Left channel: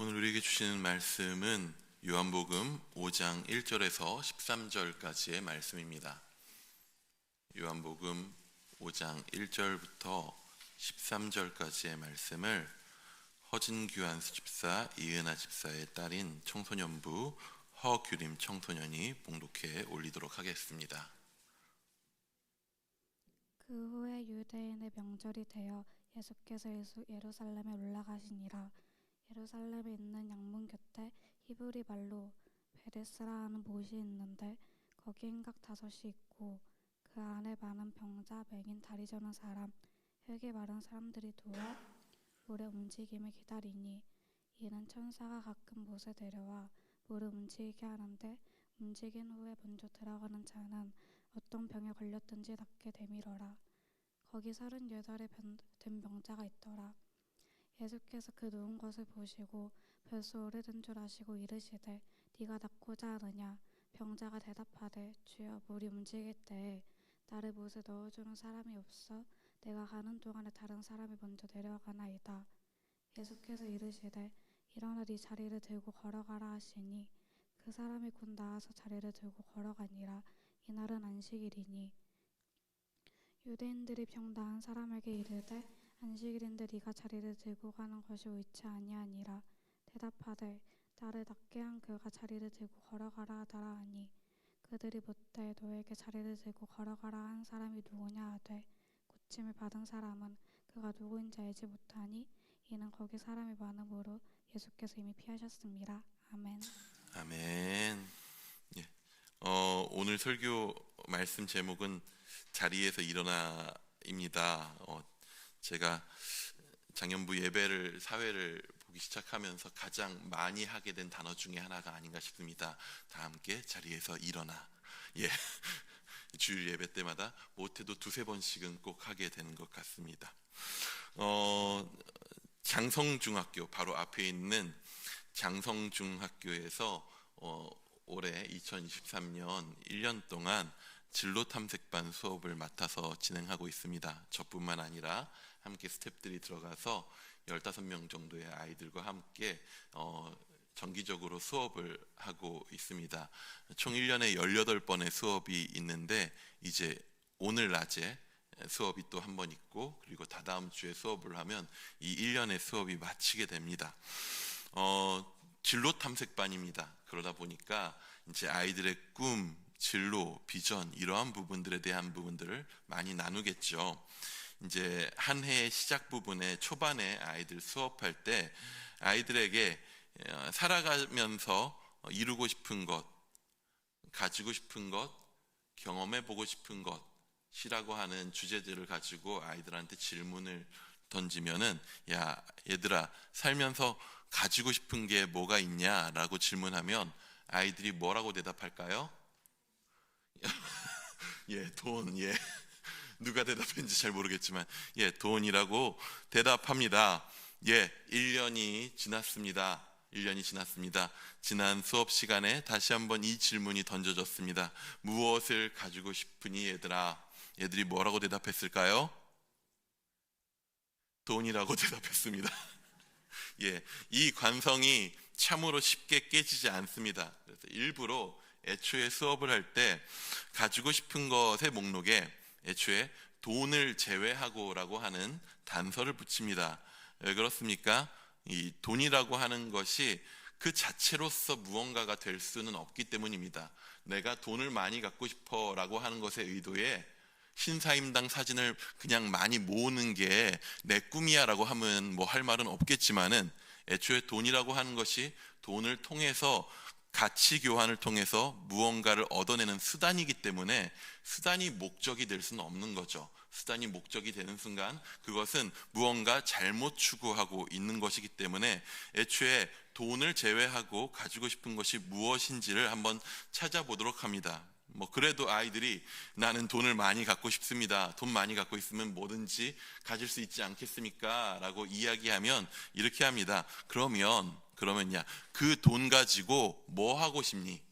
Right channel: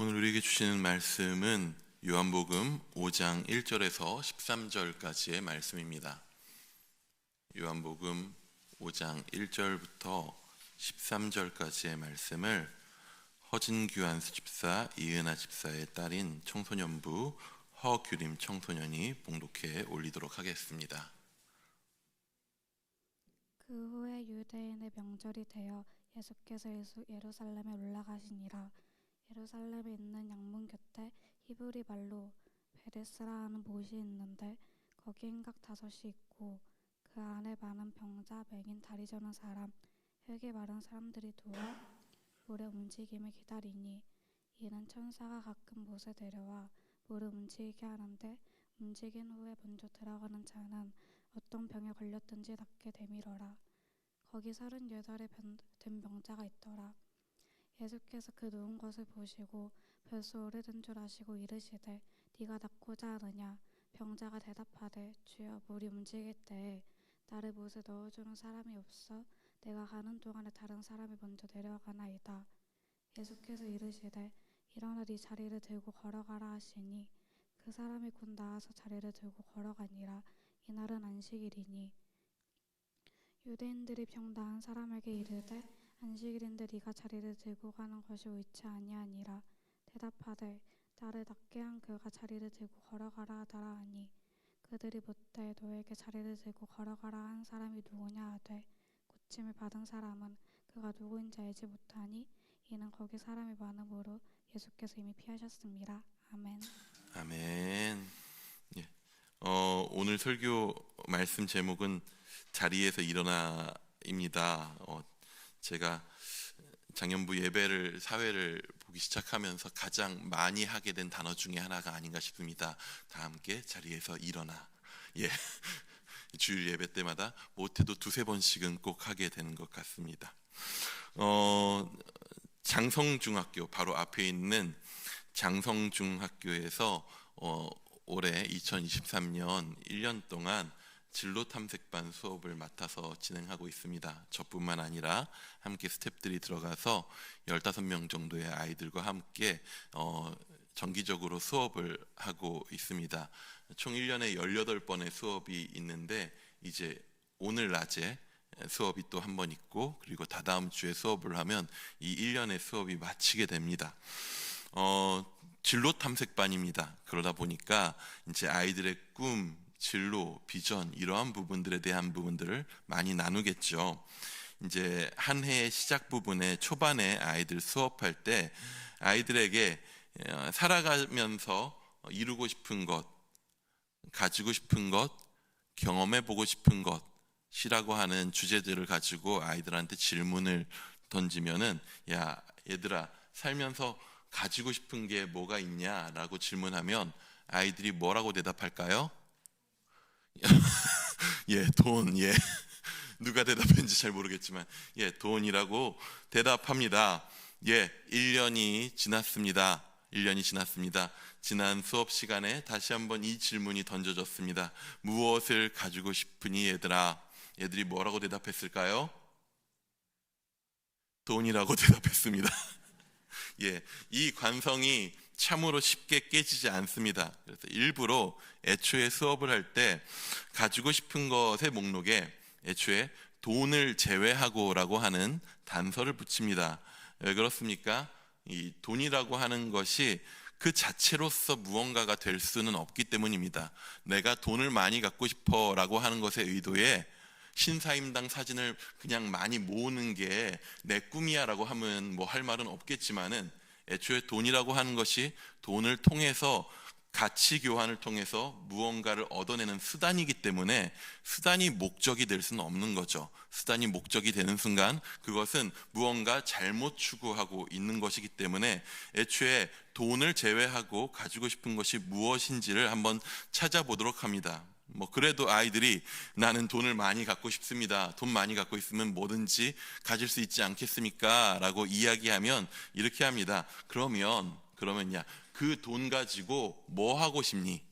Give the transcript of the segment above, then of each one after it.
오늘 우리에게 주시는 말씀은 요한복음 5장 1절에서 13절까지의 말씀입니다. 요한복음 5장 1절부터 13절까지의 말씀을 허진규 안수 집사, 이은하 집사의 딸인 청소년부 허규림 청소년이 봉독해 올리도록 하겠습니다. 그 후에 유대인의 명절이 되어 예수께서 예루살렘에 올라가시니라. 예루살렘에 있는 양문 곁에 히브리 말로 베데스라 하는 못이 있는데 거기 행각 5이 있고 그 안에 많은 병자, 맹인, 다리 저는 사람, 혈기 마른 사람들이 누워 물의 움직임을 기다리니 이는 천사가 가끔 못에 데려와 물을 움직이게 하는데 움직인 후에 먼저 들어가는 자는 어떤 병에 걸렸든지 낫게 되밀어라. 거기 38에 된 병자가 있더라. 예수께서 그 누운 것을 보시고 벌써 오래된 줄 아시고 이르시되 네가 낫고자 하느냐. 병자가 대답하되 주여 물이 움직일 때에 나를 못에 넣어주는 사람이 없어 내가 가는 동안에 다른 사람이 먼저 내려가나이다. 예수께서 이르시되 일어나 네 자리를 들고 걸어가라 하시니 그 사람이 곧 나아서 자리를 들고 걸어가니라. 이날은 안식일이니 유대인들이 병 나은 사람에게 이르되 안식일인데 네가 자리를 들고 가는 것이 옳지 아니하니라. 대답하되 나를 낫게 한 그가 자리를 들고 걸어가라 하더라 하니 그들이 묻되 너에게 자리를 들고 걸어가라 한 사람이 누구냐 하되 고침을 받은 사람은 그가 누구인지 알지 못하니 이는 거기 사람이 많으므로 예수께서 이미 피하셨습니다. 아멘. 아멘. 예. 오늘 설교 말씀 제목은 자리에서 일어나입니다. 제가 장년부 예배를 사회를 보기 시작하면서 가장 많이 하게 된 단어 중에 하나가 아닌가 싶습니다. 다 함께 자리에서 일어나. 예. 주일 예배 때마다 못해도 2-3번씩은 꼭 하게 되는 것 같습니다. 장성중학교 바로 앞에 있는 장성중학교에서 올해 2023년 1년 동안 진로 탐색반 수업을 맡아서 진행하고 있습니다. 저뿐만 아니라 함께 스태프들이 들어가서 15명 정도의 아이들과 함께 정기적으로 수업을 하고 있습니다. 총 1년에 18번의 수업이 있는데 이제 오늘 낮에 수업이 또 한 번 있고 그리고 다다음 주에 수업을 하면 이 1년의 수업이 마치게 됩니다. 진로 탐색반입니다. 그러다 보니까 이제 아이들의 꿈, 진로, 비전 이러한 부분들에 대한 부분들을 많이 나누겠죠. 이제 한 해의 시작 부분에 초반에 아이들 수업할 때 아이들에게 살아가면서 이루고 싶은 것, 가지고 싶은 것, 경험해보고 싶은 것이라고 하는 주제들을 가지고 아이들한테 질문을 던지면은 야 얘들아 살면서 가지고 싶은 게 뭐가 있냐라고 질문하면 아이들이 뭐라고 대답할까요? 예, 돈, 예. 누가 대답했는지 잘 모르겠지만, 예, 돈이라고 대답합니다. 예, 1년이 지났습니다. 1년이 지났습니다. 지난 수업 시간에 다시 한번 이 질문이 던져졌습니다. 무엇을 가지고 싶으니 얘들아? 얘들이 뭐라고 대답했을까요? 돈이라고 대답했습니다. 예, 이 관성이 참으로 쉽게 깨지지 않습니다. 그래서 일부러 애초에 수업을 할 때 가지고 싶은 것의 목록에 애초에 돈을 제외하고라고 하는 단서를 붙입니다. 왜 그렇습니까? 이 돈이라고 하는 것이 그 자체로서 무언가가 될 수는 없기 때문입니다. 내가 돈을 많이 갖고 싶어 라고 하는 것의 의도에 신사임당 사진을 그냥 많이 모으는 게 내 꿈이야 라고 하면 뭐 할 말은 없겠지만은 애초에 돈이라고 하는 것이 돈을 통해서 가치 교환을 통해서 무언가를 얻어내는 수단이기 때문에 수단이 목적이 될 수는 없는 거죠. 수단이 목적이 되는 순간 그것은 무언가 잘못 추구하고 있는 것이기 때문에 애초에 돈을 제외하고 가지고 싶은 것이 무엇인지를 한번 찾아보도록 합니다. 뭐 그래도 아이들이 나는 돈을 많이 갖고 싶습니다. 돈 많이 갖고 있으면 뭐든지 가질 수 있지 않겠습니까? 라고 이야기하면 이렇게 합니다. 그러면야 그 돈 가지고 뭐 하고 싶니?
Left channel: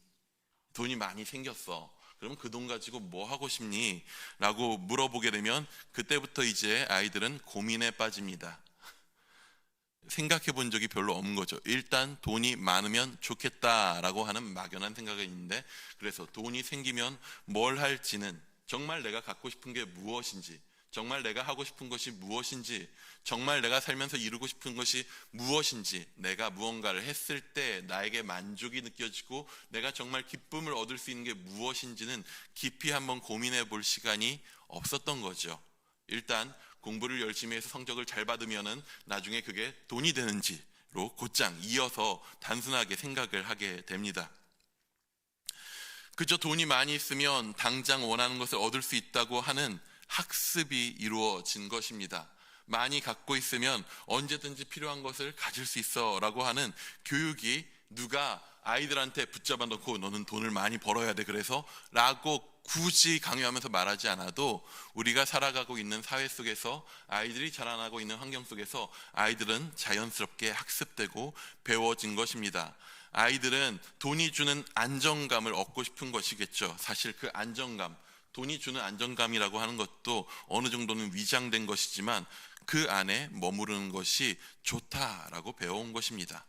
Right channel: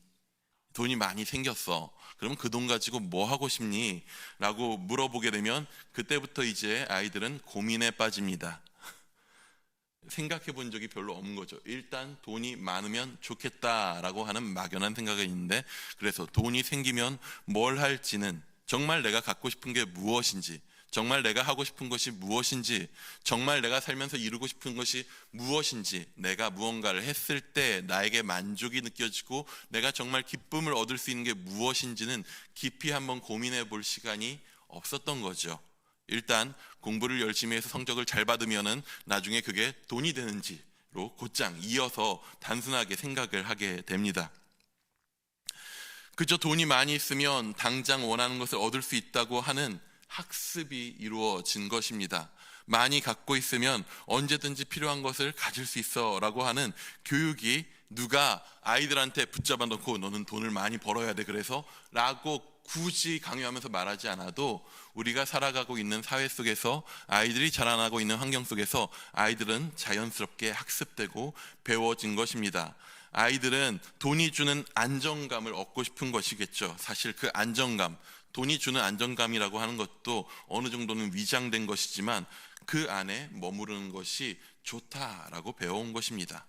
돈이 많이 생겼어. 그러면 그 돈 가지고 뭐 하고 싶니? 라고 물어보게 되면 그때부터 이제 아이들은 고민에 빠집니다. 생각해 본 적이 별로 없는 거죠. 일단 돈이 많으면 좋겠다라고 하는 막연한 생각이 있는데, 그래서 돈이 생기면 뭘 할지는, 정말 내가 갖고 싶은 게 무엇인지, 정말 내가 하고 싶은 것이 무엇인지, 정말 내가 살면서 이루고 싶은 것이 무엇인지, 내가 무언가를 했을 때 나에게 만족이 느껴지고 내가 정말 기쁨을 얻을 수 있는 게 무엇인지는 깊이 한번 고민해 볼 시간이 없었던 거죠. 일단 공부를 열심히 해서 성적을 잘 받으면은 나중에 그게 돈이 되는지로 곧장 이어서 단순하게 생각을 하게 됩니다. 그저 돈이 많이 있으면 당장 원하는 것을 얻을 수 있다고 하는 학습이 이루어진 것입니다. 많이 갖고 있으면 언제든지 필요한 것을 가질 수 있어 라고 하는 교육이, 누가 아이들한테 붙잡아 놓고 너는 돈을 많이 벌어야 돼 그래서 라고 굳이 강요하면서 말하지 않아도 우리가 살아가고 있는 사회 속에서, 아이들이 자라나고 있는 환경 속에서 아이들은 자연스럽게 학습되고 배워진 것입니다. 아이들은 돈이 주는 안정감을 얻고 싶은 것이겠죠. 사실 그 안정감, 돈이 주는 안정감이라고 하는 것도 어느 정도는 위장된 것이지만 그 안에 머무르는 것이 좋다라고 배워온 것입니다.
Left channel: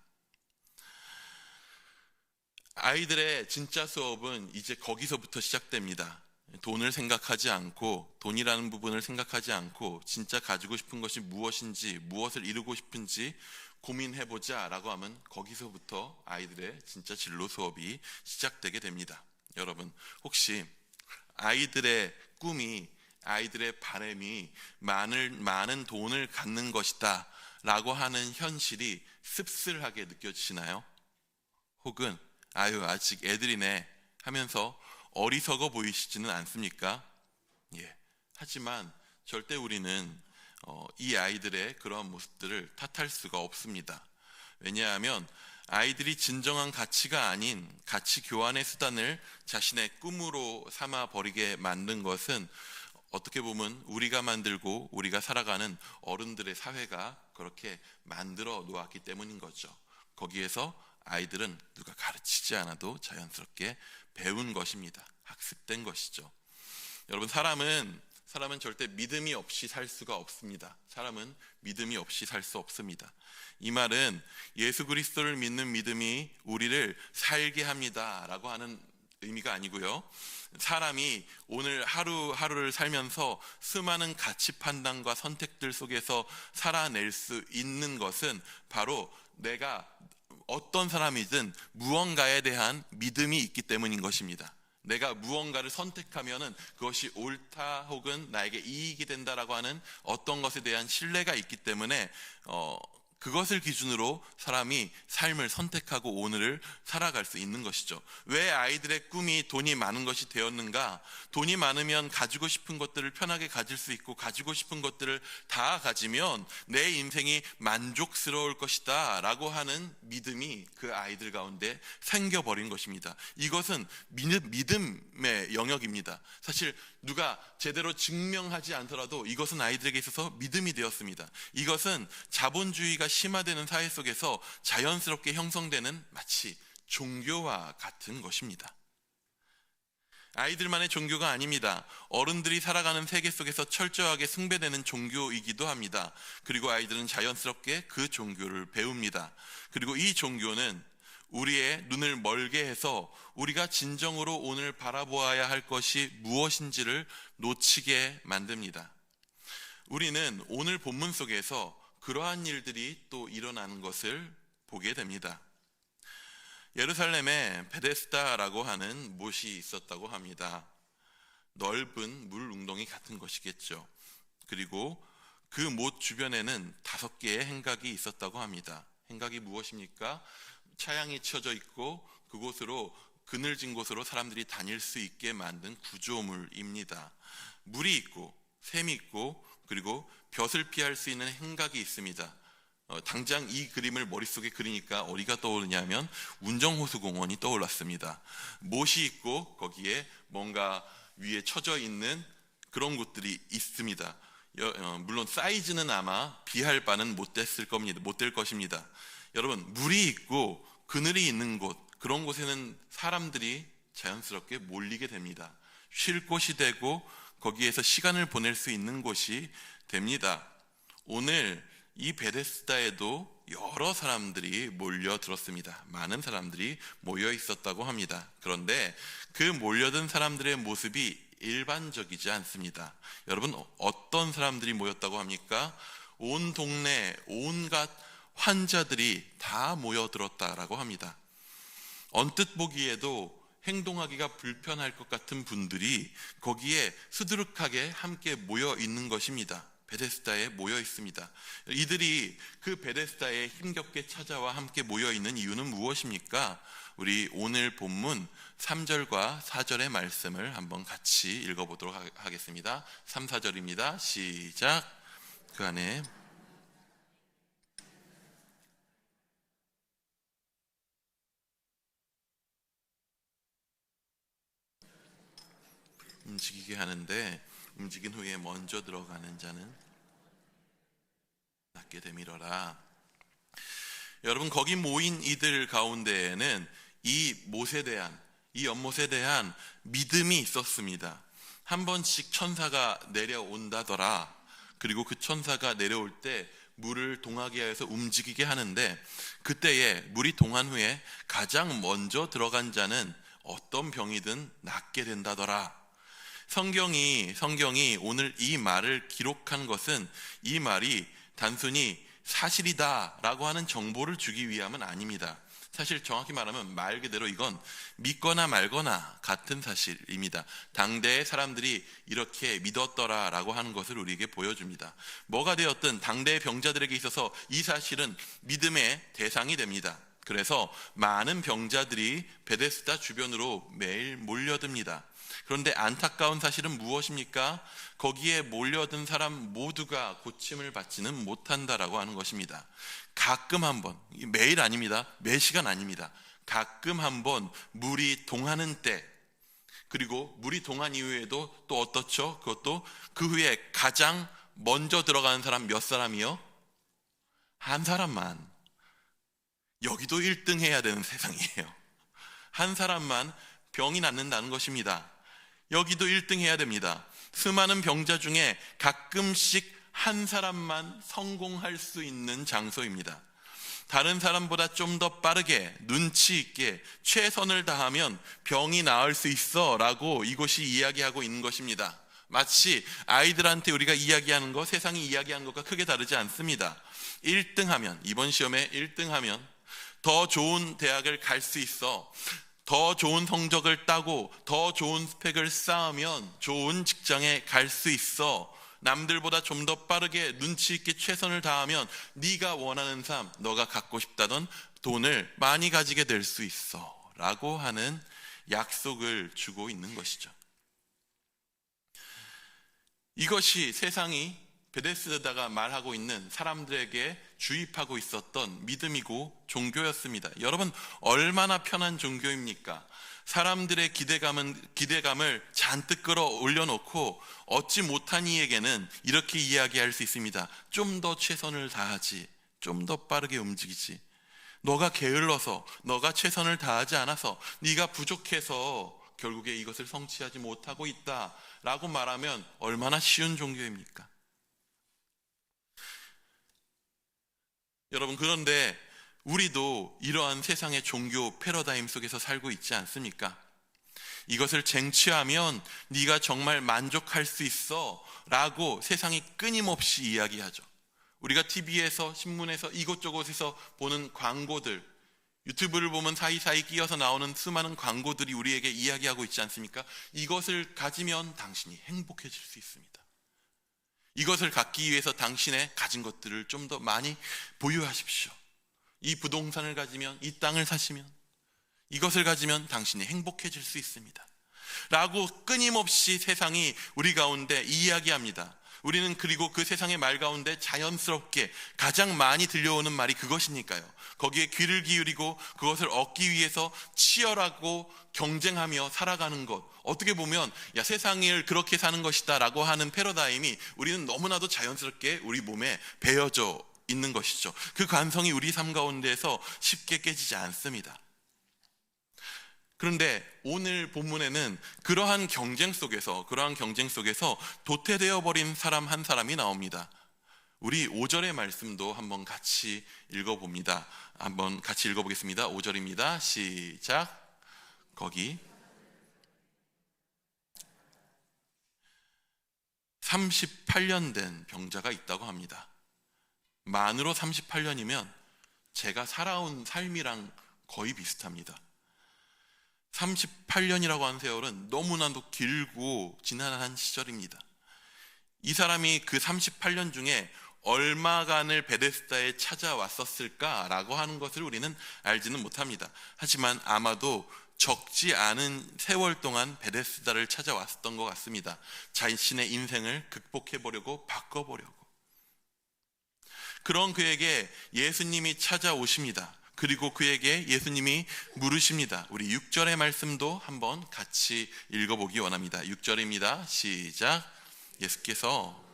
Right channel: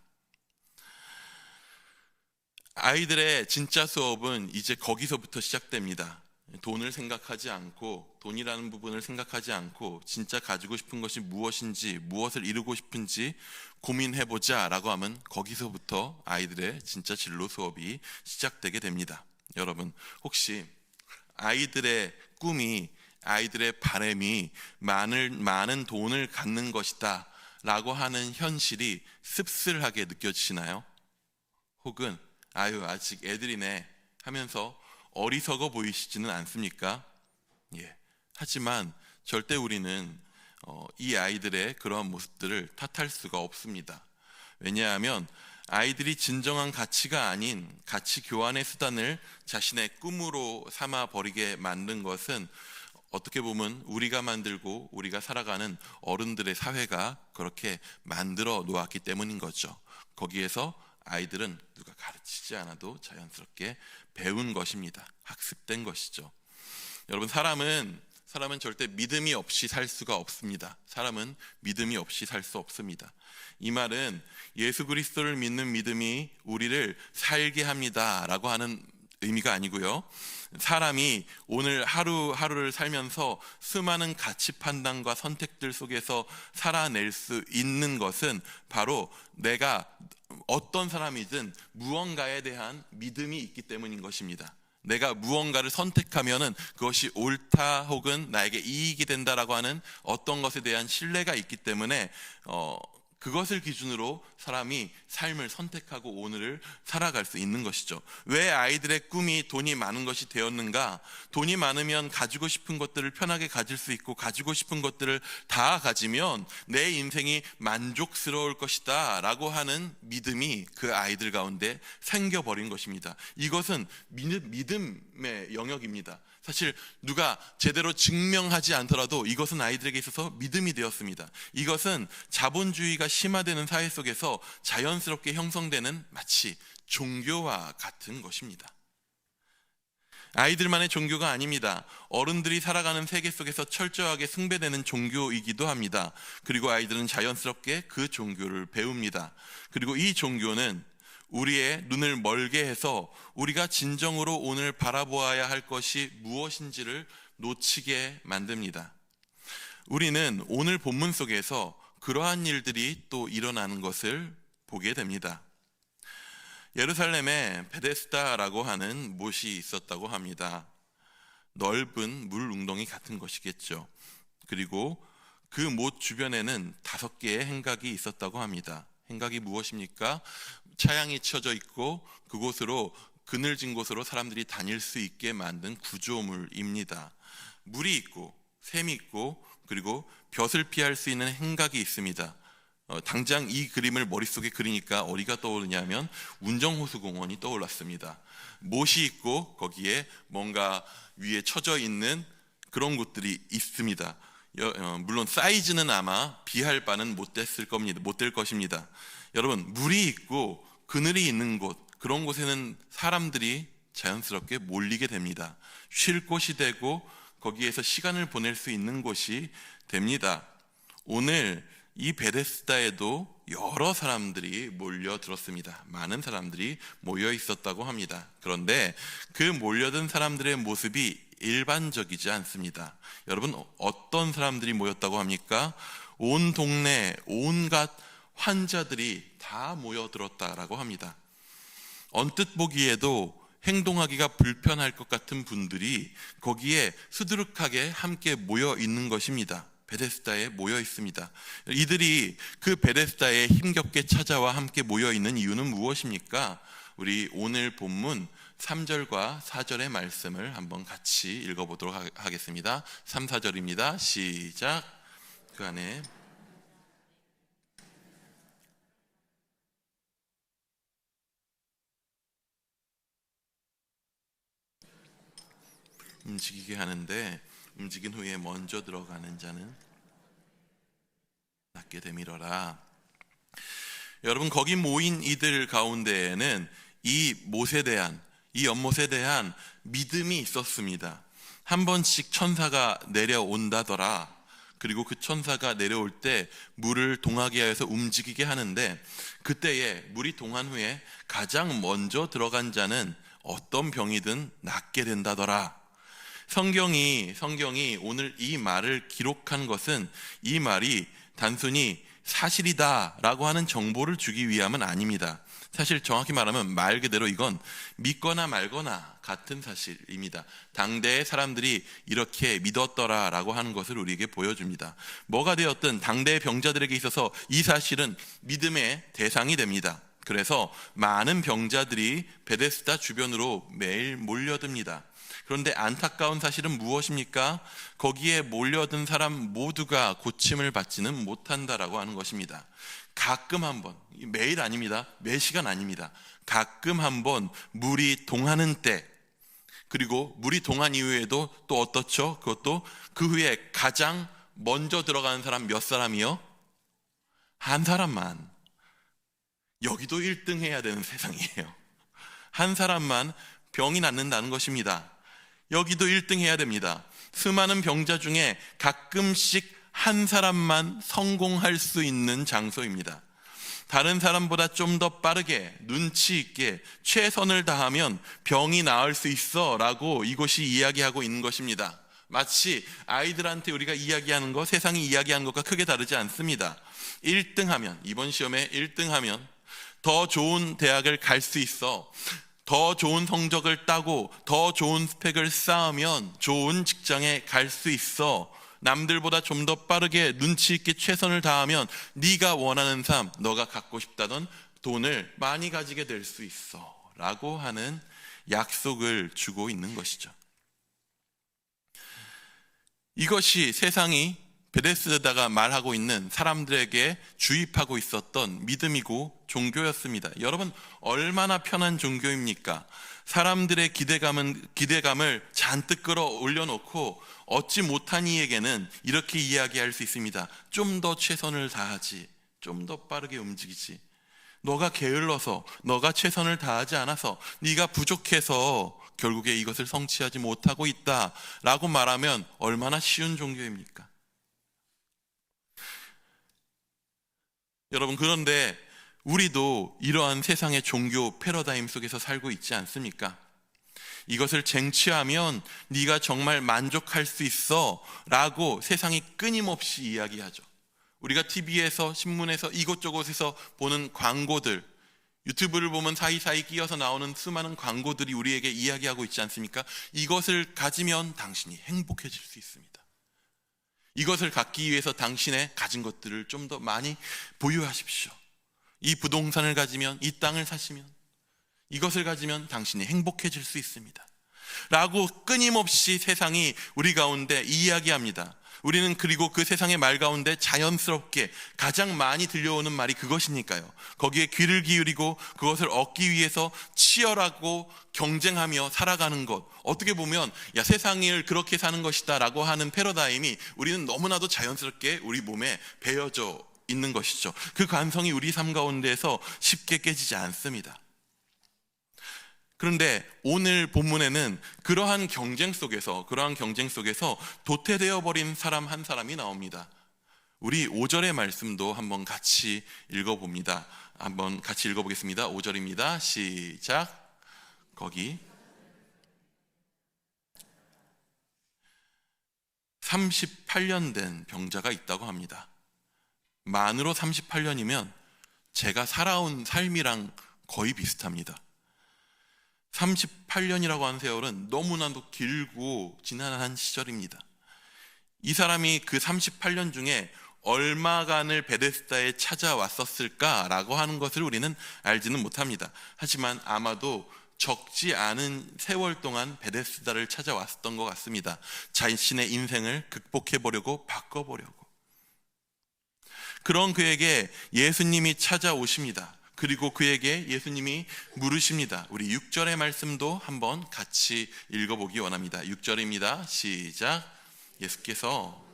아이들의 진짜 수업은 이제 거기서부터 시작됩니다. 돈을 생각하지 않고, 돈이라는 부분을 생각하지 않고 진짜 가지고 싶은 것이 무엇인지, 무엇을 이루고 싶은지 고민해보자 라고 하면 거기서부터 아이들의 진짜 진로 수업이 시작되게 됩니다. 여러분, 혹시 아이들의 꿈이, 아이들의 바람이 많은 돈을 갖는 것이다 라고 하는 현실이 씁쓸하게 느껴지시나요? 혹은 아직 애들이네 하면서 어리석어 보이시지는 않습니까? 예. 하지만 절대 우리는 이 아이들의 그러한 모습들을 탓할 수가 없습니다. 왜냐하면 아이들이 진정한 가치가 아닌 가치 교환의 수단을 자신의 꿈으로 삼아 버리게 만든 것은 어떻게 보면 우리가 만들고 우리가 살아가는 어른들의 사회가 그렇게 만들어 놓았기 때문인 거죠. 거기에서 아이들은 누가 가르치지 않아도 자연스럽게 배운 것입니다. 학습된 것이죠. 여러분, 사람은 절대 믿음이 없이 살 수가 없습니다. 사람은 믿음이 없이 살 수 없습니다. 이 말은 예수 그리스도를 믿는 믿음이 우리를 살게 합니다 라고 하는 의미가 아니고요. 사람이 오늘 하루하루를 살면서 수많은 가치 판단과 선택들 속에서 살아낼 수 있는 것은 바로 내가 어떤 사람이든 무언가에 대한 믿음이 있기 때문인 것입니다. 내가 무언가를 선택하면은 그것이 옳다 혹은 나에게 이익이 된다라고 하는 어떤 것에 대한 신뢰가 있기 때문에 그것을 기준으로 사람이 삶을 선택하고 오늘을 살아갈 수 있는 것이죠. 왜 아이들의 꿈이 돈이 많은 것이 되었는가? 돈이 많으면 가지고 싶은 것들을 편하게 가질 수 있고, 가지고 싶은 것들을 다 가지면 내 인생이 만족스러울 것이다 라고 하는 믿음이 그 아이들 가운데 생겨버린 것입니다. 이것은 믿음의 영역입니다. 사실 누가 제대로 증명하지 않더라도 이것은 아이들에게 있어서 믿음이 되었습니다. 이것은 자본주의가 심화되는 사회 속에서 자연스럽게 형성되는 마치 종교와 같은 것입니다. 아이들만의 종교가 아닙니다. 어른들이 살아가는 세계 속에서 철저하게 숭배되는 종교이기도 합니다. 그리고 아이들은 자연스럽게 그 종교를 배웁니다. 그리고 이 종교는 우리의 눈을 멀게 해서 우리가 진정으로 오늘 바라보아야 할 것이 무엇인지를 놓치게 만듭니다. 우리는 오늘 본문 속에서 그러한 일들이 또 일어나는 것을 보게 됩니다. 예루살렘에 베데스다라고 하는 못이 있었다고 합니다. 넓은 물 웅덩이 같은 것이겠죠. 그리고 그 못 주변에는 5개의 행각이 있었다고 합니다. 행각이 무엇입니까? 차양이 쳐져 있고 그곳으로, 그늘진 곳으로 사람들이 다닐 수 있게 만든 구조물입니다. 물이 있고 샘이 있고 그리고 볕을 피할 수 있는 행각이 있습니다. 당장 이 그림을 머릿속에 그리니까 어디가 떠오르냐면 운정호수공원이 떠올랐습니다. 못이 있고 거기에 뭔가 위에 쳐져 있는 그런 곳들이 있습니다. 물론 사이즈는 아마 비할 바는 못 될 것입니다. 여러분, 물이 있고 그늘이 있는 곳, 그런 곳에는 사람들이 자연스럽게 몰리게 됩니다. 쉴 곳이 되고 거기에서 시간을 보낼 수 있는 곳이 됩니다. 오늘 이 베데스다에도 여러 사람들이 몰려들었습니다. 많은 사람들이 모여 있었다고 합니다. 그런데 그 몰려든 사람들의 모습이 일반적이지 않습니다. 여러분, 어떤 사람들이 모였다고 합니까? 온 동네 온갖 환자들이 다 모여들었다라고 합니다. 언뜻 보기에도 행동하기가 불편할 것 같은 분들이 거기에 수두룩하게 함께 모여 있는 것입니다. 베데스다에 모여 있습니다. 이들이 그 베데스다에 힘겹게 찾아와 함께 모여 있는 이유는 무엇입니까? 우리 오늘 본문 3절과 4절의 말씀을 한번 같이 읽어보도록 하겠습니다. 3, 4절입니다. 시작. 그 안에 움직이게 하는데 움직인 후에 먼저 들어가는 자는 낫게 되밀어라. 여러분, 거기 모인 이들 가운데에는 이 연못에 대한 믿음이 있었습니다. 한 번씩 천사가 내려온다더라. 그리고 그 천사가 내려올 때 물을 동하게 하여서 움직이게 하는데, 그때에 물이 동한 후에 가장 먼저 들어간 자는 어떤 병이든 낫게 된다더라. 성경이 오늘 이 말을 기록한 것은 이 말이 단순히 사실이다라고 하는 정보를 주기 위함은 아닙니다. 사실 정확히 말하면 말 그대로 이건 믿거나 말거나 같은 사실입니다. 당대의 사람들이 이렇게 믿었더라라고 하는 것을 우리에게 보여줍니다. 뭐가 되었든 당대의 병자들에게 있어서 이 사실은 믿음의 대상이 됩니다. 그래서 많은 병자들이 베데스다 주변으로 매일 몰려듭니다. 그런데 안타까운 사실은 무엇입니까? 거기에 몰려든 사람 모두가 고침을 받지는 못한다라고 하는 것입니다. 가끔 한번, 매일 아닙니다. 매 시간 아닙니다. 가끔 한번 물이 동하는 때, 그리고 물이 동한 이후에도 또 어떻죠? 그것도 그 후에 가장 먼저 들어가는 사람 몇 사람이요? 한 사람만. 여기도 1등 해야 되는 세상이에요. 한 사람만 병이 낫는다는 것입니다. 여기도 1등 해야 됩니다. 수많은 병자 중에 가끔씩 한 사람만 성공할 수 있는 장소입니다. 다른 사람보다 좀 더 빠르게 눈치 있게 최선을 다하면 병이 나을 수 있어 라고 이곳이 이야기하고 있는 것입니다. 마치 아이들한테 우리가 이야기하는 것, 세상이 이야기하는 것과 크게 다르지 않습니다. 1등하면, 이번 시험에 1등하면 더 좋은 대학을 갈 수 있어, 더 좋은 성적을 따고 더 좋은 스펙을 쌓으면 좋은 직장에 갈 수 있어, 남들보다 좀 더 빠르게 눈치 있게 최선을 다하면 네가 원하는 삶, 너가 갖고 싶다던 돈을 많이 가지게 될 수 있어 라고 하는 약속을 주고 있는 것이죠. 이것이 세상이 베데스다가 말하고 있는 사람들에게 주입하고 있었던 믿음이고 종교였습니다. 여러분, 얼마나 편한 종교입니까? 사람들의 기대감을 잔뜩 끌어올려 놓고 얻지 못한 이에게는 이렇게 이야기할 수 있습니다. 좀 더 최선을 다하지, 좀 더 빠르게 움직이지, 너가 게을러서, 너가 최선을 다하지 않아서, 네가 부족해서 결국에 이것을 성취하지 못하고 있다라고 말하면 얼마나 쉬운 종교입니까? 여러분, 그런데 우리도 이러한 세상의 종교 패러다임 속에서 살고 있지 않습니까? 이것을 쟁취하면 네가 정말 만족할 수 있어 라고 세상이 끊임없이 이야기하죠. 우리가 TV에서, 신문에서, 이곳저곳에서 보는 광고들, 유튜브를 보면 사이사이 끼어서 나오는 수많은 광고들이 우리에게 이야기하고 있지 않습니까? 이것을 가지면 당신이 행복해질 수 있습니다. 이것을 갖기 위해서 당신의 가진 것들을 좀 더 많이 보유하십시오. 이 부동산을 가지면, 이 땅을 사시면, 이것을 가지면 당신이 행복해질 수 있습니다 라고 끊임없이 세상이 우리 가운데 이야기합니다. 우리는 그리고 그 세상의 말 가운데 자연스럽게 가장 많이 들려오는 말이 그것이니까요. 거기에 귀를 기울이고 그것을 얻기 위해서 치열하고 경쟁하며 살아가는 것, 어떻게 보면 야, 세상을 그렇게 사는 것이다 라고 하는 패러다임이 우리는 너무나도 자연스럽게 우리 몸에 배어져 있는 것이죠. 그 관성이 우리 삶 가운데에서 쉽게 깨지지 않습니다. 그런데 오늘 본문에는 그러한 경쟁 속에서 도태되어 버린 사람 한 사람이 나옵니다. 우리 5절의 말씀도 한번 같이 읽어봅니다. 한번 같이 읽어보겠습니다. 5절입니다. 시작. 거기 38년 된 병자가 있다고 합니다. 만으로 38년이면 제가 살아온 삶이랑 거의 비슷합니다. 38년이라고 하는 세월은 너무나도 길고 지난한 시절입니다. 이 사람이 그 38년 중에 얼마간을 베데스다에 찾아왔었을까라고 하는 것을 우리는 알지는 못합니다. 하지만 아마도 적지 않은 세월 동안 베데스다를 찾아왔었던 것 같습니다. 자신의 인생을 극복해보려고, 바꿔보려고. 그런 그에게 예수님이 찾아오십니다. 그리고 그에게 예수님이 물으십니다. 우리 6절의 말씀도 한번 같이 읽어보기 원합니다. 6절입니다. 시작. 예수께서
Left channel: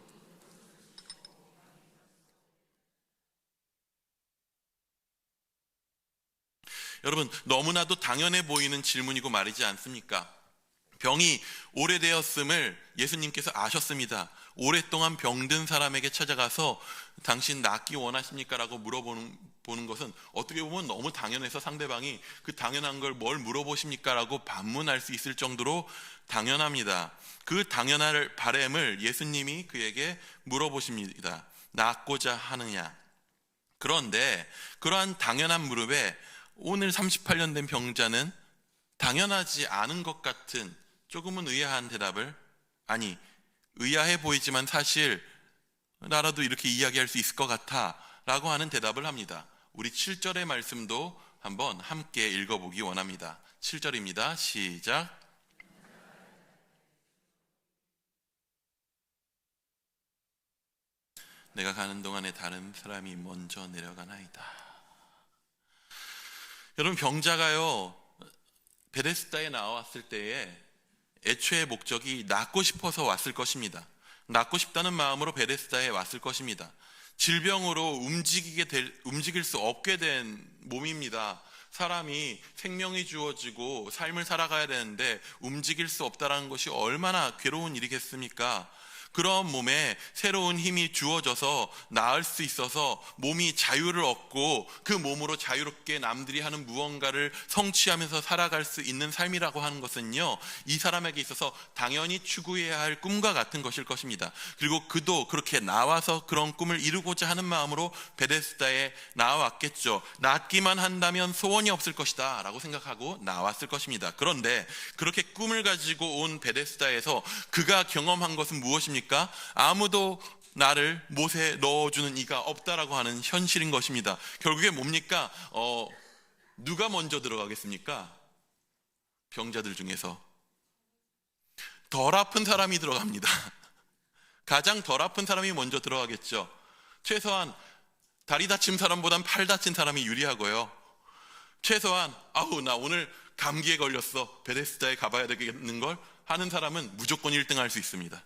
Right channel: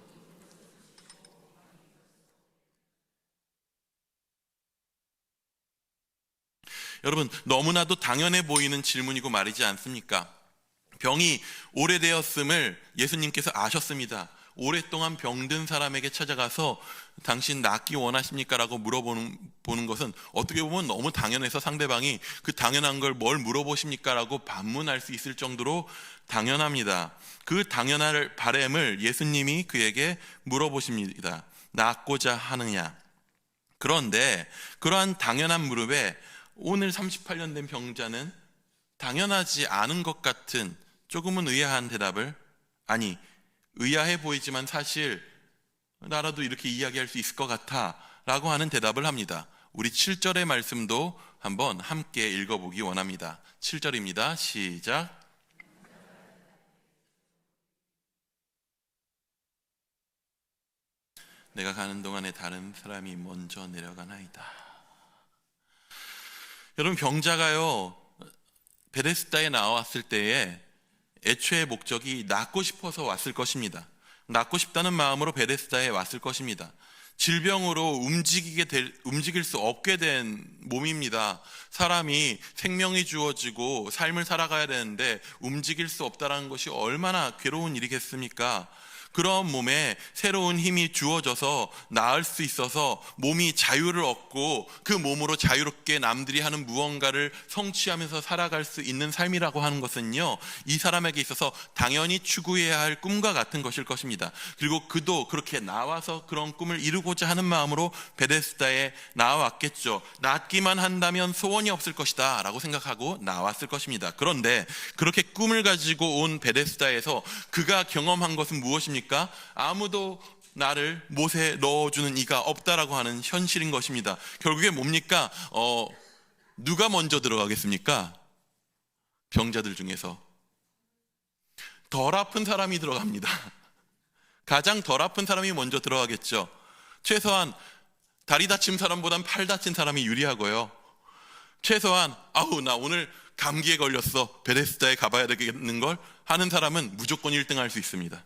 여러분, 너무나도 당연해 보이는 질문이고 말이지 않습니까? 병이 오래되었음을 예수님께서 아셨습니다. 오랫동안 병든 사람에게 찾아가서 당신 낫기 원하십니까? 라고 물어보는 것은 어떻게 보면 너무 당연해서 상대방이 그 당연한 걸 뭘 물어보십니까? 라고 반문할 수 있을 정도로 당연합니다. 그 당연할 바람을 예수님이 그에게 물어보십니다. 낫고자 하느냐? 그런데 그러한 당연한 물음에 오늘 38년 된 병자는 당연하지 않은 것 같은 조금은 의아한 대답을, 아니 의아해 보이지만 사실 나라도 이렇게 이야기할 수 있을 것 같아 라고 하는 대답을 합니다. 우리 7절의 말씀도 한번 함께 읽어보기 원합니다. 7절입니다. 시작. 내가 가는 동안에 다른 사람이 먼저 내려가나이다. 여러분, 병자가요 베데스다에 나왔을 때에 애초의 목적이 낫고 싶어서 왔을 것입니다. 낫고 싶다는 마음으로 베데스다에 왔을 것입니다. 질병으로 움직일 수 없게 된 몸입니다. 사람이 생명이 주어지고 삶을 살아가야 되는데 움직일 수 없다는 것이 얼마나 괴로운 일이겠습니까? 그런 몸에 새로운 힘이 주어져서 나을 수 있어서 몸이 자유를 얻고 그 몸으로 자유롭게 남들이 하는 무언가를 성취하면서 살아갈 수 있는 삶이라고 하는 것은요, 이 사람에게 있어서 당연히 추구해야 할 꿈과 같은 것일 것입니다. 그리고 그도 그렇게 나와서 그런 꿈을 이루고자 하는 마음으로 베데스다에 나왔겠죠. 낫기만 한다면 소원이 없을 것이다 라고 생각하고 나왔을 것입니다. 그런데 그렇게 꿈을 가지고 온 베데스다에서 그가 경험한 것은 무엇입니까? 아무도 나를 못에 넣어주는 이가 없다라고 하는 현실인 것입니다. 결국에 뭡니까? 누가 먼저 들어가겠습니까? 병자들 중에서 덜 아픈 사람이 들어갑니다. 가장 덜 아픈 사람이 먼저 들어가겠죠. 최소한 다리 다친 사람보단 팔 다친 사람이 유리하고요. 최소한 나 오늘 감기에 걸렸어, 베데스다에 가봐야 되겠는걸 하는 사람은 무조건 1등 할 수 있습니다.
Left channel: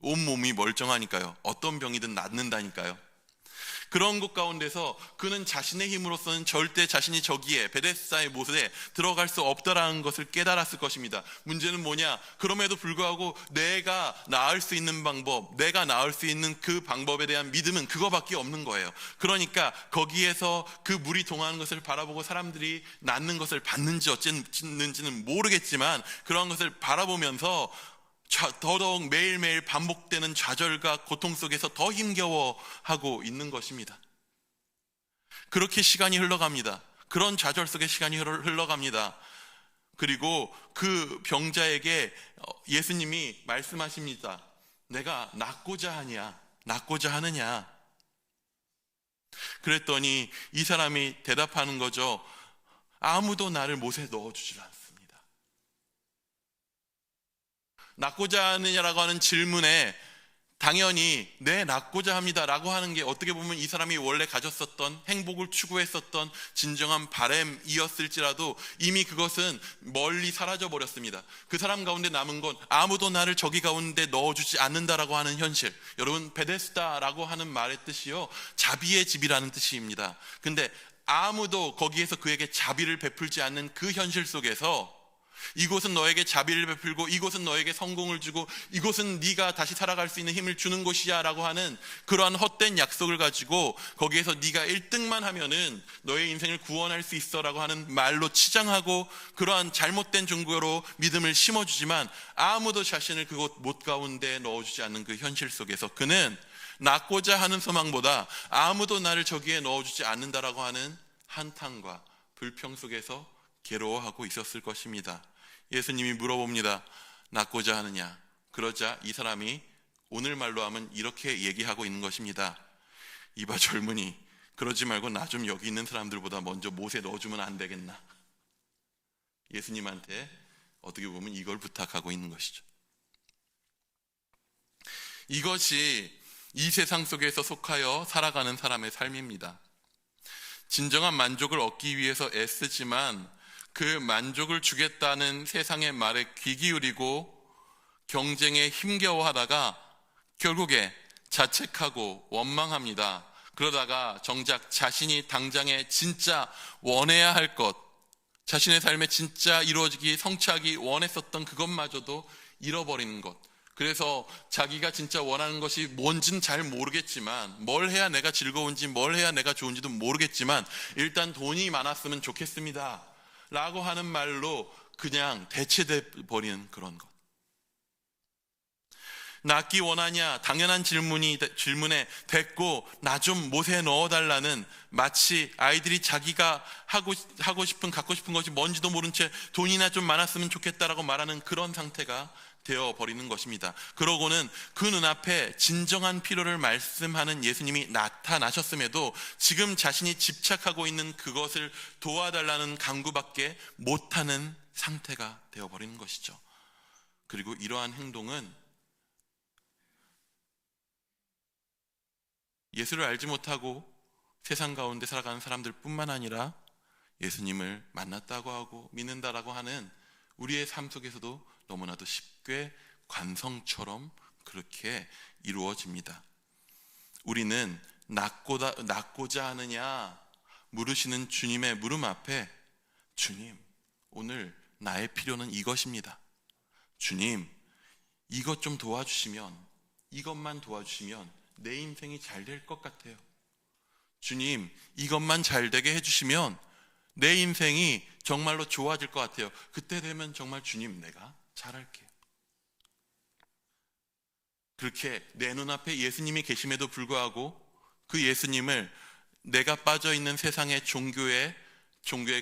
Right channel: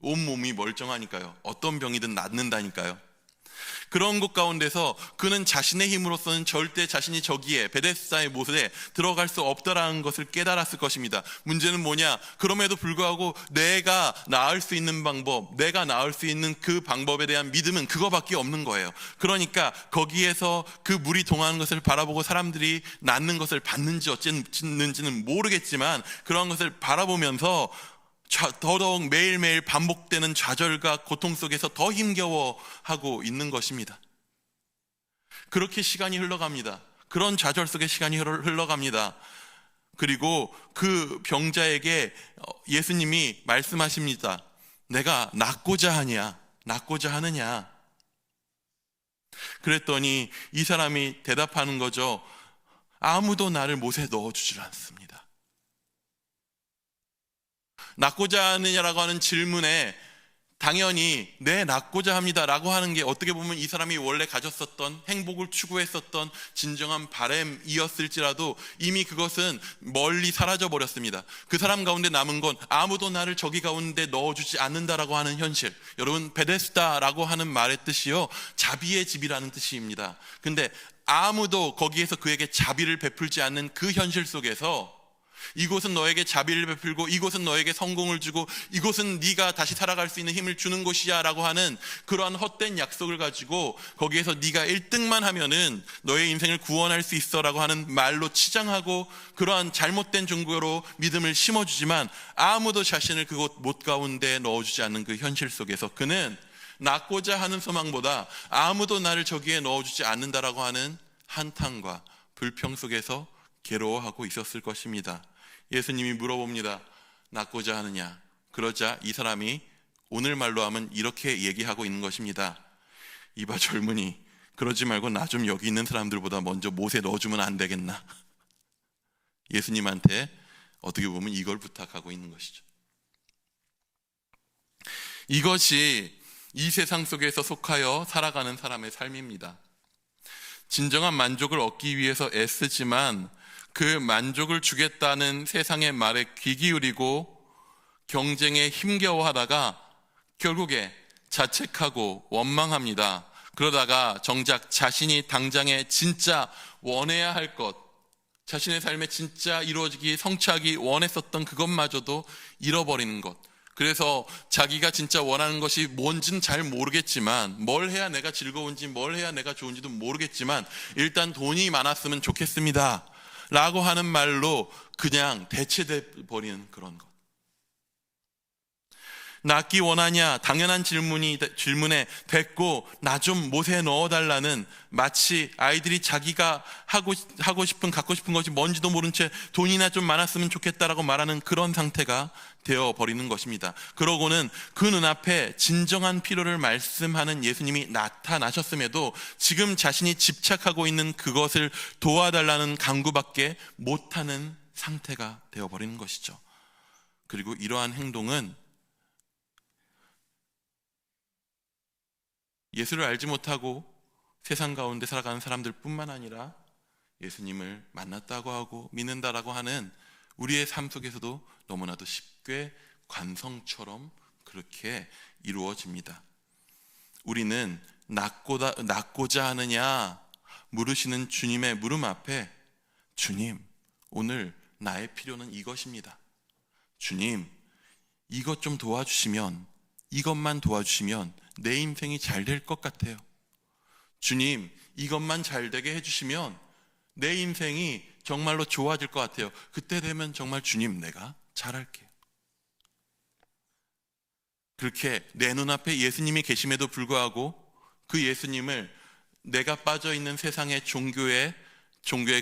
온몸이 멀쩡하니까요. 어떤 병이든 낫는다니까요. 그런 것 가운데서 그는 자신의 힘으로서는 절대 자신이 저기에 베데스다의 못에 들어갈 수 없다라는 것을 깨달았을 것입니다. 문제는 뭐냐? 그럼에도 불구하고 내가 나을 수 있는 방법, 내가 나을 수 있는 그 방법에 대한 믿음은 그거밖에 없는 거예요. 그러니까 거기에서 그 물이 동하는 것을 바라보고 사람들이 낫는 것을 봤는지 어쨌는지는 모르겠지만 그런 것을 바라보면서 더더욱 매일매일 반복되는 좌절과 고통 속에서 더 힘겨워하고 있는 것입니다. 그렇게 시간이 흘러갑니다. 그런 좌절 속에 시간이 흘러갑니다. 그리고 그 병자에게 예수님이 말씀하십니다. 내가 낫고자 하느냐? 그랬더니 이 사람이 대답하는 거죠. 아무도 나를 못에 넣어주질 않습니다. 낫고자 하느냐라고 하는 질문에 당연히 네, 낫고자 합니다 라고 하는 게 어떻게 보면 이 사람이 원래 가졌었던 행복을 추구했었던 진정한 바램이었을지라도 이미 그것은 멀리 사라져 버렸습니다. 그 사람 가운데 남은 건 아무도 나를 저기 가운데 넣어주지 않는다라고 하는 현실. 여러분, 베데스다라고 하는 말의 뜻이요, 자비의 집이라는 뜻입니다. 근데 아무도 거기에서 그에게 자비를 베풀지 않는 그 현실 속에서 이곳은 너에게 자비를 베풀고 이곳은 너에게 성공을 주고 이곳은 네가 다시 살아갈 수 있는 힘을 주는 곳이야 라고 하는 그러한 헛된 약속을 가지고 거기에서 네가 1등만 하면은 너의 인생을 구원할 수 있어 라고 하는 말로 치장하고 그러한 잘못된 종교로 믿음을 심어주지만 아무도 자신을 그곳 못 가운데 넣어주지 않는 그 현실 속에서 그는 낳고자 하는 소망보다 아무도 나를 저기에 넣어주지 않는다라고 하는 한탄과 불평 속에서 괴로워하고 있었을 것입니다. 예수님이 물어봅니다. 낳고자 하느냐? 그러자 이 사람이 오늘 말로 하면 이렇게 얘기하고 있는 것입니다. 이봐 젊은이, 그러지 말고 나 좀 여기 있는 사람들보다 먼저 못에 넣어주면 안 되겠나? 예수님한테 어떻게 보면 이걸 부탁하고 있는 것이죠. 이것이 이 세상 속에서 속하여 살아가는 사람의 삶입니다. 진정한 만족을 얻기 위해서 애쓰지만 그 만족을 주겠다는 세상의 말에 귀 기울이고 경쟁에 힘겨워하다가 결국에 자책하고 원망합니다. 그러다가 정작 자신이 당장에 진짜 원해야 할 것, 자신의 삶에 진짜 이루어지기, 성취하기 원했었던 그것마저도 잃어버리는 것. 그래서 자기가 진짜 원하는 것이 뭔지는 잘 모르겠지만, 뭘 해야 내가 즐거운지, 뭘 해야 내가 좋은지도 모르겠지만 일단 돈이 많았으면 좋겠습니다 라고 하는 말로 그냥 대체돼 버리는 그런 것. 낳기 원하냐? 당연한 질문에 됐고 나 좀 못에 넣어달라는, 마치 아이들이 자기가 하고 싶은 갖고 싶은 것이 뭔지도 모른 채 돈이나 좀 많았으면 좋겠다라고 말하는 그런 상태가 되어버리는 것입니다. 그러고는 그 눈앞에 진정한 필요를 말씀하는 예수님이 나타나셨음에도 지금 자신이 집착하고 있는 그것을 도와달라는 간구밖에 못하는 상태가 되어버리는 것이죠. 그리고 이러한 행동은 예수를 알지 못하고 세상 가운데 살아가는 사람들 뿐만 아니라 예수님을 만났다고 하고 믿는다라고 하는 우리의 삶 속에서도 너무나도 쉽게 관성처럼 그렇게 이루어집니다. 우리는 낳고자 하느냐 물으시는 주님의 물음 앞에, 주님, 오늘 나의 필요는 이것입니다. 주님, 이것 좀 도와주시면, 이것만 도와주시면 내 인생이 잘 될 것 같아요. 주님, 이것만 잘 되게 해주시면 내 인생이 정말로 좋아질 것 같아요. 그때 되면 정말 주님, 내가 잘할게요. 그렇게 내 눈앞에 예수님이 계심에도 불구하고 그 예수님을 내가 빠져있는 세상의 종교의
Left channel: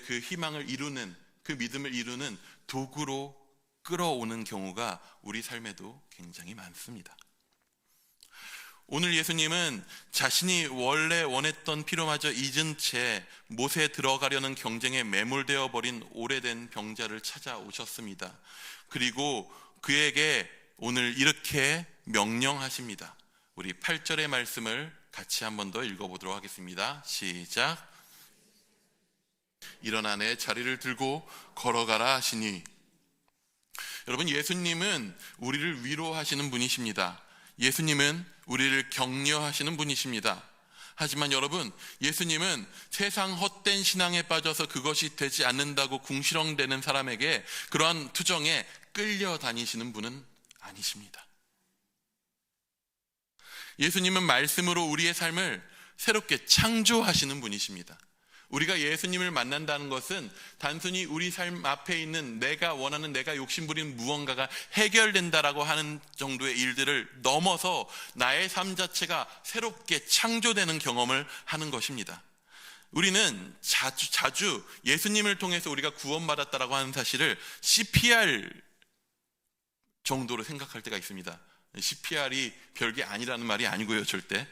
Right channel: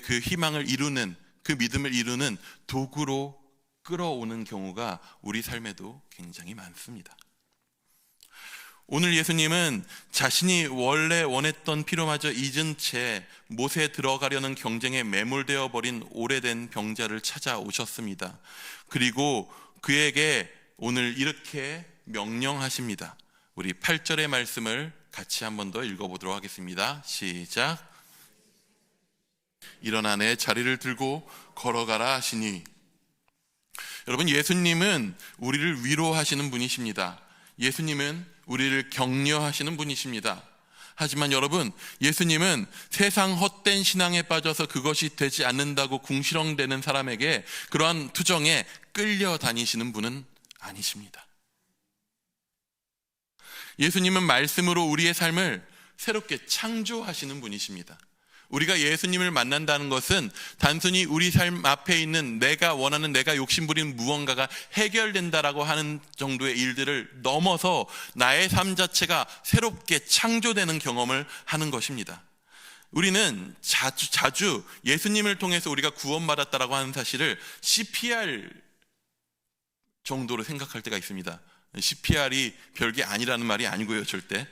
그 희망을 이루는, 그 믿음을 이루는 도구로 끌어오는 경우가 우리 삶에도 굉장히 많습니다. 오늘 예수님은 자신이 원래 원했던 필요마저 잊은 채 못에 들어가려는 경쟁에 매몰되어 버린 오래된 병자를 찾아오셨습니다. 그리고 그에게 오늘 이렇게 명령하십니다. 우리 8절의 말씀을 같이 한 번 더 읽어보도록 하겠습니다. 시작. 일어나 내 자리를 들고 걸어가라 하시니. 여러분, 예수님은 우리를 위로하시는 분이십니다. 예수님은 우리를 격려하시는 분이십니다. 하지만 여러분, 예수님은 세상 헛된 신앙에 빠져서 그것이 되지 않는다고 궁시렁대는 사람에게 그러한 투정에 끌려다니시는 분은 아니십니다. 예수님은 말씀으로 우리의 삶을 새롭게 창조하시는 분이십니다. 우리가 예수님을 만난다는 것은 단순히 우리 삶 앞에 있는 내가 원하는, 내가 욕심부리는 무언가가 해결된다라고 하는 정도의 일들을 넘어서 나의 삶 자체가 새롭게 창조되는 경험을 하는 것입니다. 우리는 자주 예수님을 통해서 우리가 구원받았다라고 하는 사실을 CPR 정도로 생각할 때가 있습니다. CPR이 별게 아니라는 말이 아니고요, 절대.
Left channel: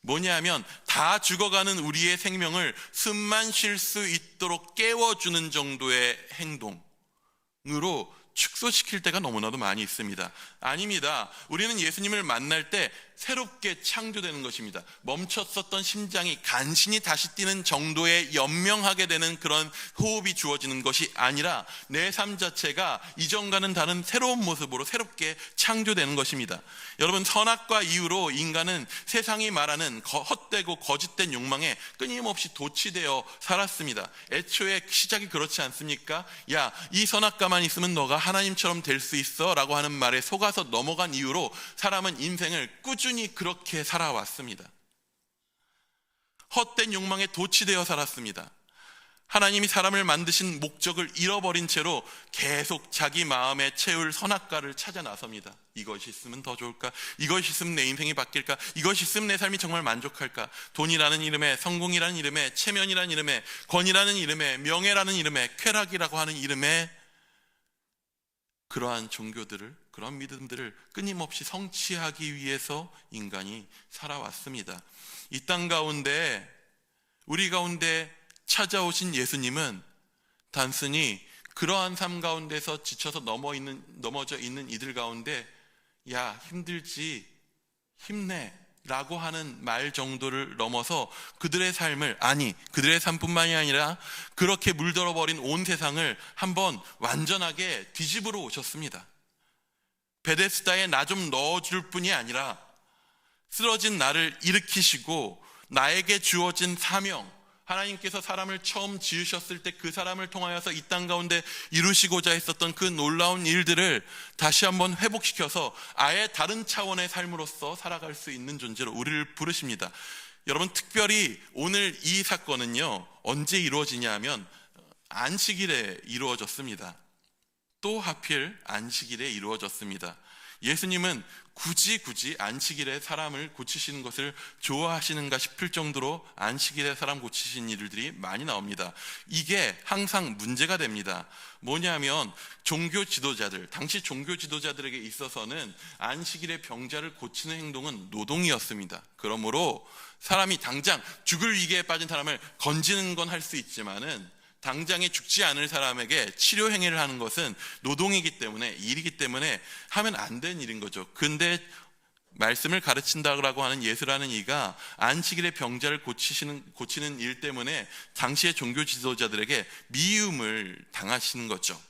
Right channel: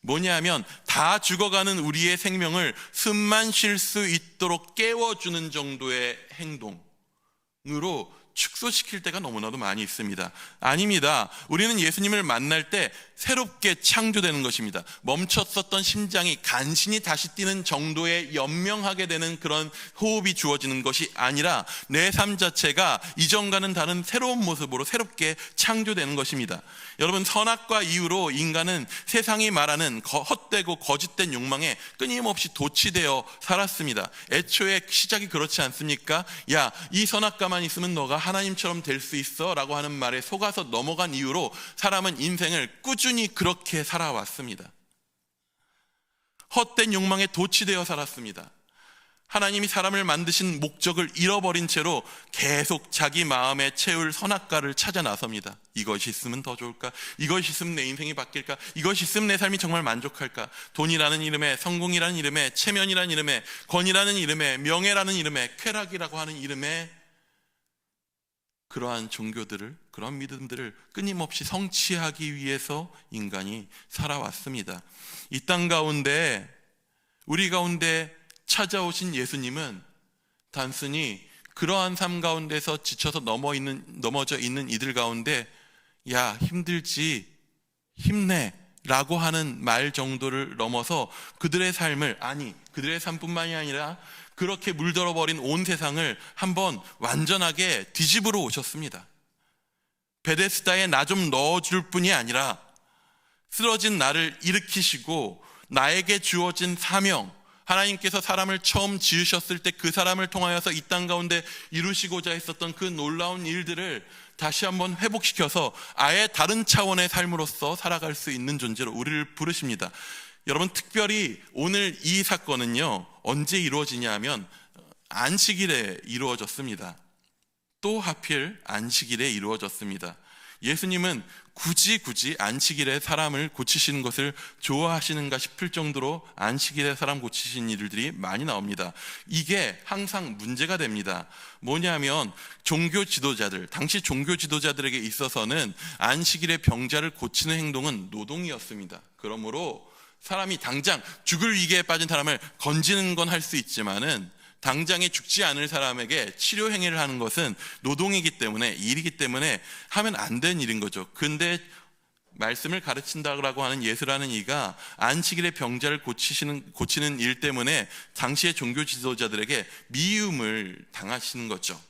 뭐냐하면 다 죽어가는 우리의 생명을 숨만 쉴 수 있도록 깨워주는 정도의 행동으로 축소시킬 때가 너무나도 많이 있습니다. 아닙니다. 우리는 예수님을 만날 때 새롭게 창조되는 것입니다. 멈췄었던 심장이 간신히 다시 뛰는 정도의 연명하게 되는 그런 호흡이 주어지는 것이 아니라 내 삶 자체가 이전과는 다른 새로운 모습으로 새롭게 창조되는 것입니다. 여러분, 선악과 이유로 인간은 세상이 말하는 헛되고 거짓된 욕망에 끊임없이 도취되어 살았습니다. 애초에 시작이 그렇지 않습니까? 야, 이 선악과만 있으면 너가 하나님처럼 될 수 있어 라고 하는 말에 속아서 넘어간 이유로 사람은 인생을 꾸준히 그렇게 살아왔습니다. 헛된 욕망에 도취되어 살았습니다. 하나님이 사람을 만드신 목적을 잃어버린 채로 계속 자기 마음에 채울 선악과를 찾아 나섭니다. 이것이 있으면 더 좋을까? 이것이 있으면 내 인생이 바뀔까? 이것이 있으면 내 삶이 정말 만족할까? 돈이라는 이름에, 성공이라는 이름에, 체면이라는 이름에, 권위라는 이름에, 명예라는 이름에, 쾌락이라고 하는 이름에 그러한 종교들을, 그러한 믿음들을 끊임없이 성취하기 위해서 인간이 살아왔습니다. 이 땅 가운데, 우리 가운데 찾아오신 예수님은 단순히 그러한 삶 가운데서 지쳐서 넘어져 있는 이들 가운데 야, 힘들지, 힘내 라고 하는 말 정도를 넘어서 그들의 삶을, 아니 그들의 삶뿐만이 아니라 그렇게 물들어버린 온 세상을 한번 완전하게 뒤집으러 오셨습니다. 베데스다에 나 좀 넣어줄 뿐이 아니라 쓰러진 나를 일으키시고 나에게 주어진 사명, 하나님께서 사람을 처음 지으셨을 때 그 사람을 통하여서 이 땅 가운데 이루시고자 했었던 그 놀라운 일들을 다시 한번 회복시켜서 아예 다른 차원의 삶으로서 살아갈 수 있는 존재로 우리를 부르십니다. 여러분, 특별히 오늘 이 사건은요, 언제 이루어지냐 하면 안식일에 이루어졌습니다. 또 하필 안식일에 이루어졌습니다. 예수님은 굳이 안식일에 사람을 고치시는 것을 좋아하시는가 싶을 정도로 안식일에 사람 고치시는 일들이 많이 나옵니다. 이게 항상 문제가 됩니다. 뭐냐면 종교 지도자들, 당시 종교 지도자들에게 있어서는 안식일에 병자를 고치는 행동은 노동이었습니다. 그러므로 사람이 당장 죽을 위기에 빠진 사람을 건지는 건 할 수 있지만은 당장에 죽지 않을 사람에게 치료 행위를 하는 것은 노동이기 때문에, 일이기 때문에 하면 안 되는 일인 거죠. 근데 말씀을 가르친다고 하는 예수라는 이가 안식일에 병자를 고치는 일 때문에 당시의 종교 지도자들에게 미움을 당하시는 거죠.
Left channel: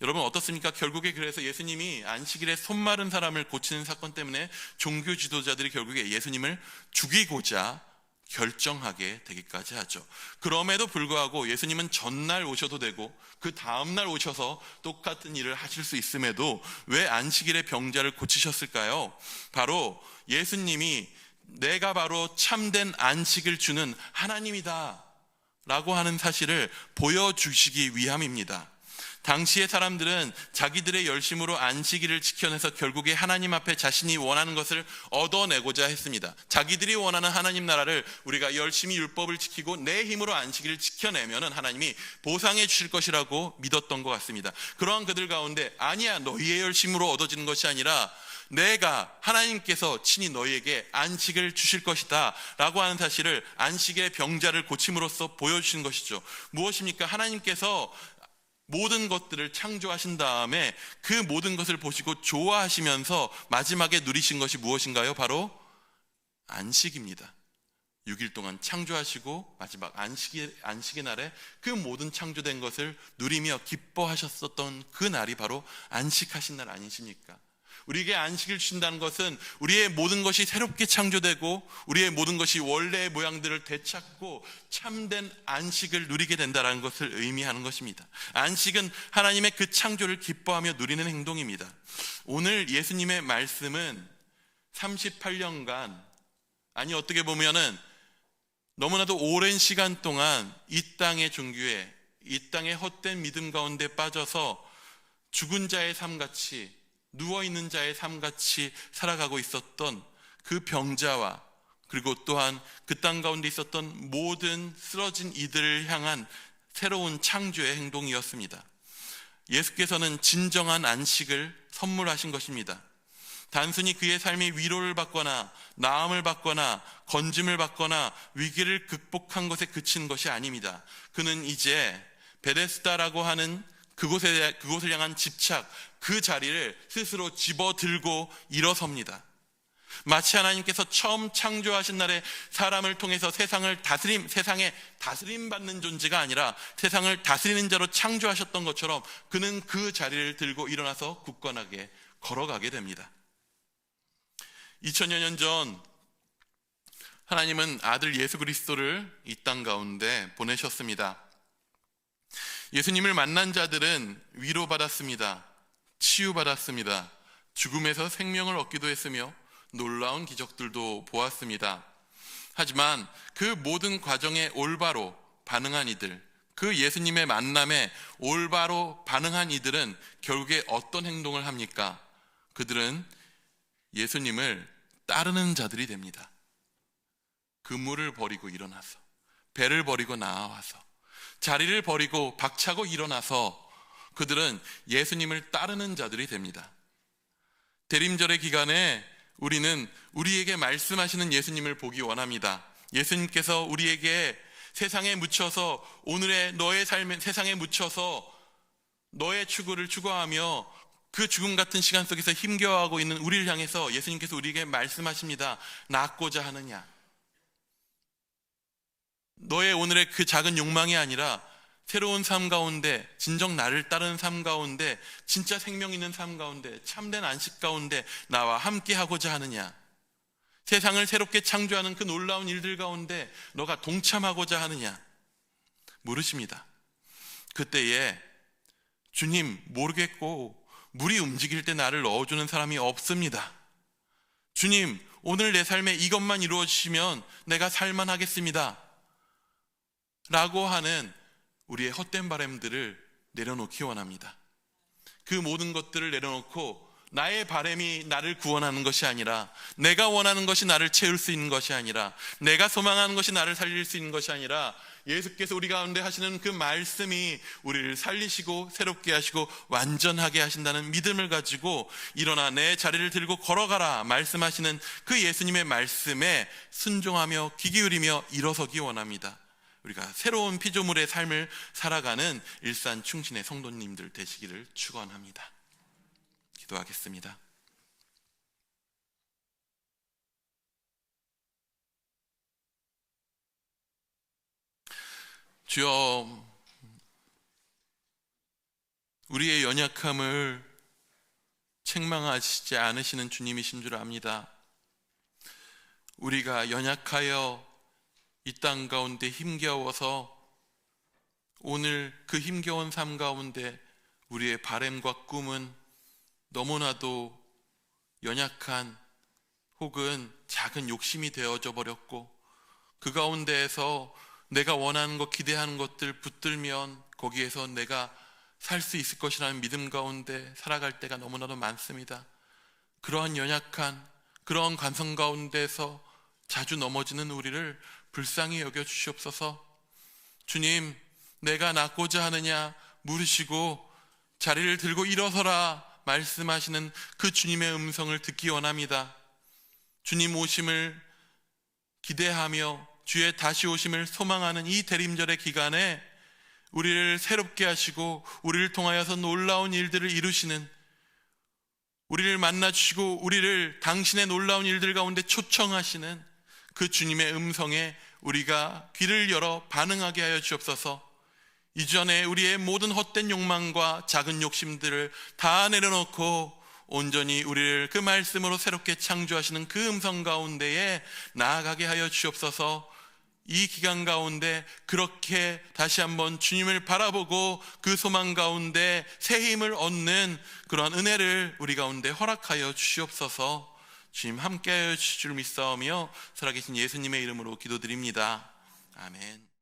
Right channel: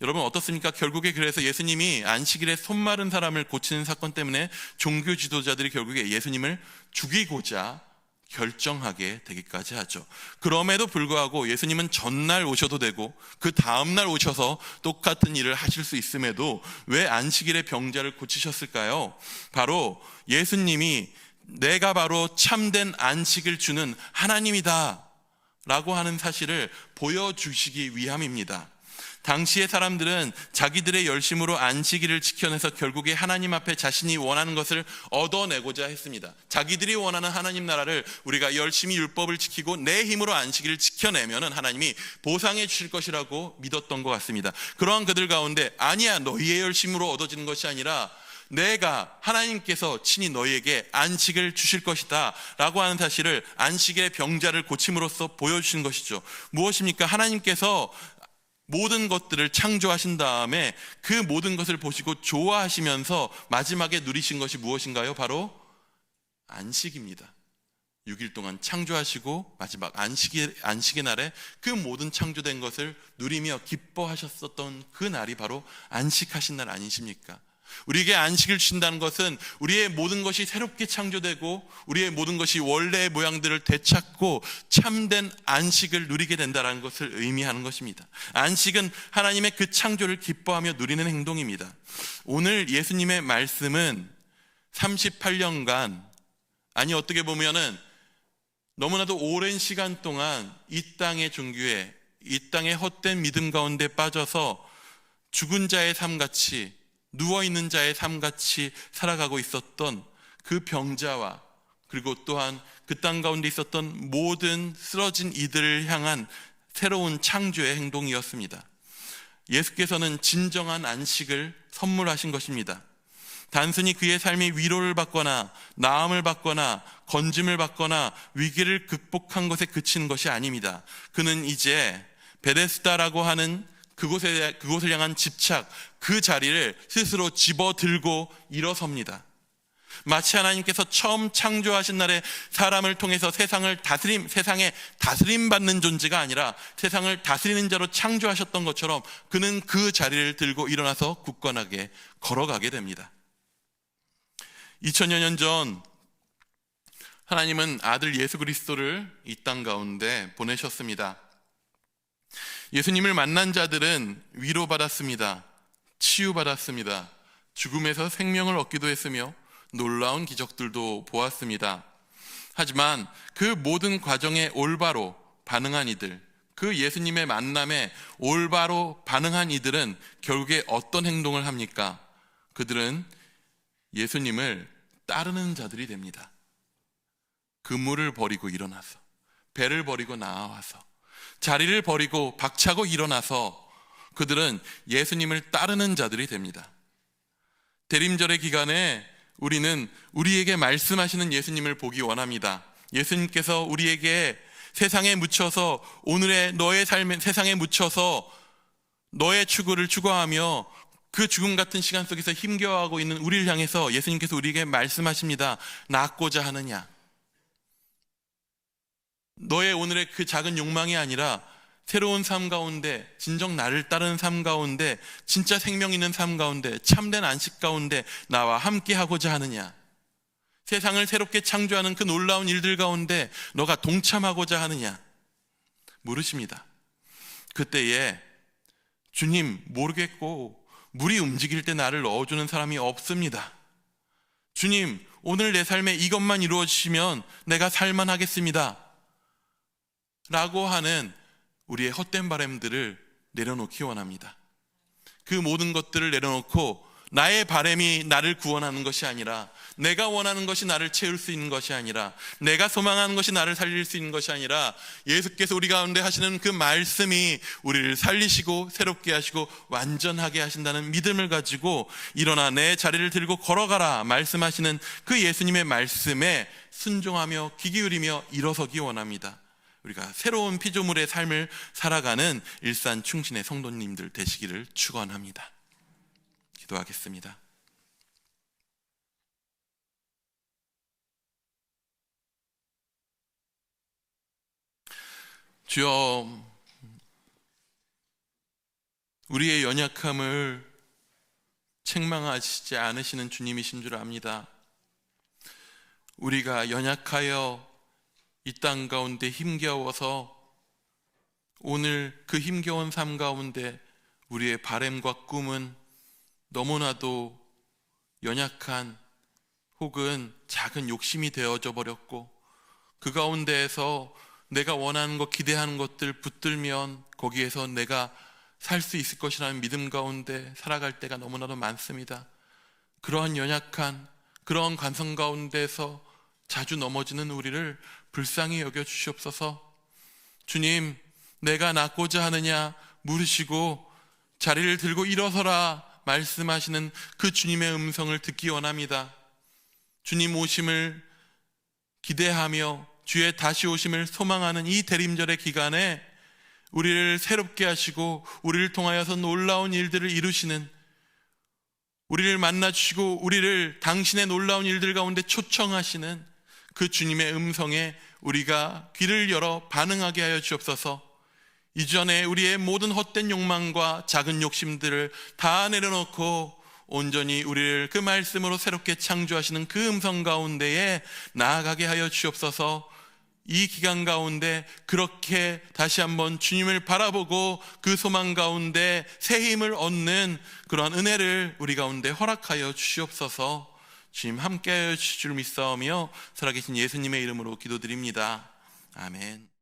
여러분, 어떻습니까? 결국에 그래서 예수님이 안식일에 손 마른 사람을 고치는 사건 때문에 종교 지도자들이 결국에 예수님을 죽이고자 결정하게 되기까지 하죠. 그럼에도 불구하고 예수님은 전날 오셔도 되고 그 다음날 오셔서 똑같은 일을 하실 수 있음에도 왜 안식일에 병자를 고치셨을까요? 바로 예수님이 내가 바로 참된 안식을 주는 하나님이다 라고 하는 사실을 보여주시기 위함입니다. 당시의 사람들은 자기들의 열심으로 안식일을 지켜내서 결국에 하나님 앞에 자신이 원하는 것을 얻어내고자 했습니다. 자기들이 원하는 하나님 나라를 우리가 열심히 율법을 지키고 내 힘으로 안식일을 지켜내면 하나님이 보상해 주실 것이라고 믿었던 것 같습니다. 그러한 그들 가운데 아니야, 너희의 열심으로 얻어지는 것이 아니라 내가, 하나님께서 친히 너희에게 안식을 주실 것이다 라고 하는 사실을 안식일의 병자를 고침으로써 보여주신 것이죠. 무엇입니까? 하나님께서 모든 것들을 창조하신 다음에 그 모든 것을 보시고 좋아하시면서 마지막에 누리신 것이 무엇인가요? 바로 안식입니다. 6일 동안 창조하시고 마지막 안식의 날에 그 모든 창조된 것을 누리며 기뻐하셨었던 그 날이 바로 안식하신 날 아니십니까? 우리에게 안식을 주신다는 것은 우리의 모든 것이 새롭게 창조되고 우리의 모든 것이 원래의 모양들을 되찾고 참된 안식을 누리게 된다는 것을 의미하는 것입니다. 안식은 하나님의 그 창조를 기뻐하며 누리는 행동입니다. 오늘 예수님의 말씀은 38년간, 아니 어떻게 보면은 너무나도 오랜 시간 동안 이 땅의 종교에, 이 땅의 헛된 믿음 가운데 빠져서 죽은 자의 삶같이, 누워있는 자의 삶같이 살아가고 있었던 그 병자와 그리고 또한 그 땅 가운데 있었던 모든 쓰러진 이들을 향한 새로운 창조의 행동이었습니다. 예수께서는 진정한 안식을 선물하신 것입니다. 단순히 그의 삶이 위로를 받거나 나음을 받거나 건짐을 받거나 위기를 극복한 것에 그치는 것이 아닙니다. 그는 이제 베데스다라고 하는 그곳을 향한 집착, 그 자리를 스스로 집어들고 일어섭니다. 마치 하나님께서 처음 창조하신 날에 사람을 통해서 세상에 다스림 받는 존재가 아니라 세상을 다스리는 자로 창조하셨던 것처럼 그는 그 자리를 들고 일어나서 굳건하게 걸어가게 됩니다. 2000여 년 전 하나님은 아들 예수 그리스도를 이 땅 가운데 보내셨습니다. 예수님을 만난 자들은 위로받았습니다. 치유받았습니다. 죽음에서 생명을 얻기도 했으며 놀라운 기적들도 보았습니다. 하지만 그 모든 과정에 올바로 반응한 이들, 그 예수님의 만남에 올바로 반응한 이들은 결국에 어떤 행동을 합니까? 그들은 예수님을 따르는 자들이 됩니다. 그물을 버리고 일어나서, 배를 버리고 나와서, 자리를 버리고 박차고 일어나서 그들은 예수님을 따르는 자들이 됩니다. 대림절의 기간에 우리는 우리에게 말씀하시는 예수님을 보기 원합니다. 예수님께서 우리에게 세상에 묻혀서 오늘의 너의 삶의 세상에 묻혀서 너의 추구를 추구하며 그 죽음 같은 시간 속에서 힘겨워하고 있는 우리를 향해서 예수님께서 우리에게 말씀하십니다. 낫고자 하느냐? 너의 오늘의 그 작은 욕망이 아니라 새로운 삶 가운데, 진정 나를 따르는 삶 가운데, 진짜 생명 있는 삶 가운데, 참된 안식 가운데 나와 함께 하고자 하느냐? 세상을 새롭게 창조하는 그 놀라운 일들 가운데 너가 동참하고자 하느냐? 물으십니다. 그때에 주님 모르겠고 물이 움직일 때 나를 넣어주는 사람이 없습니다. 주님 오늘 내 삶에 이것만 이루어지시면 내가 살만하겠습니다 라고 하는 우리의 헛된 바람들을 내려놓기 원합니다. 그 모든 것들을 내려놓고 나의 바람이 나를 구원하는 것이 아니라, 내가 원하는 것이 나를 채울 수 있는 것이 아니라, 내가 소망하는 것이 나를 살릴 수 있는 것이 아니라 예수께서 우리 가운데 하시는 그 말씀이 우리를 살리시고 새롭게 하시고 완전하게 하신다는 믿음을 가지고 일어나 내 자리를 들고 걸어가라 말씀하시는 그 예수님의 말씀에 순종하며 귀 기울이며 일어서기 원합니다. 우리가 새로운 피조물의 삶을 살아가는 일산 충신의 성도님들 되시기를 축원합니다. 기도하겠습니다. 주여, 우리의 연약함을 책망하시지 않으시는 주님이신 줄 압니다. 우리가 연약하여 이 땅 가운데 힘겨워서 오늘 그 힘겨운 삶 가운데 우리의 바람과 꿈은 너무나도 연약한 혹은 작은 욕심이 되어져 버렸고, 그 가운데에서 내가 원하는 것, 기대하는 것들 붙들면 거기에서 내가 살 수 있을 것이라는 믿음 가운데 살아갈 때가 너무나도 많습니다. 그러한 연약한 그러한 관성 가운데서 자주 넘어지는 우리를 불쌍히 여겨 주시옵소서. 주님, 내가 낫고자 하느냐 물으시고 자리를 들고 일어서라 말씀하시는 그 주님의 음성을 듣기 원합니다. 주님 오심을 기대하며 주의 다시 오심을 소망하는 이 대림절의 기간에 우리를 새롭게 하시고 우리를 통하여서 놀라운 일들을 이루시는, 우리를 만나주시고 우리를 당신의 놀라운 일들 가운데 초청하시는 그 주님의 음성에 우리가 귀를 열어 반응하게 하여 주옵소서. 이전에 우리의 모든 헛된 욕망과 작은 욕심들을 다 내려놓고 온전히 우리를 그 말씀으로 새롭게 창조하시는 그 음성 가운데에 나아가게 하여 주옵소서. 이 기간 가운데 그렇게 다시 한번 주님을 바라보고 그 소망 가운데 새 힘을 얻는 그러한 은혜를 우리 가운데 허락하여 주시옵소서. 주님 함께하여 주실 줄 믿사오며 살아계신 예수님의 이름으로 기도드립니다. 아멘.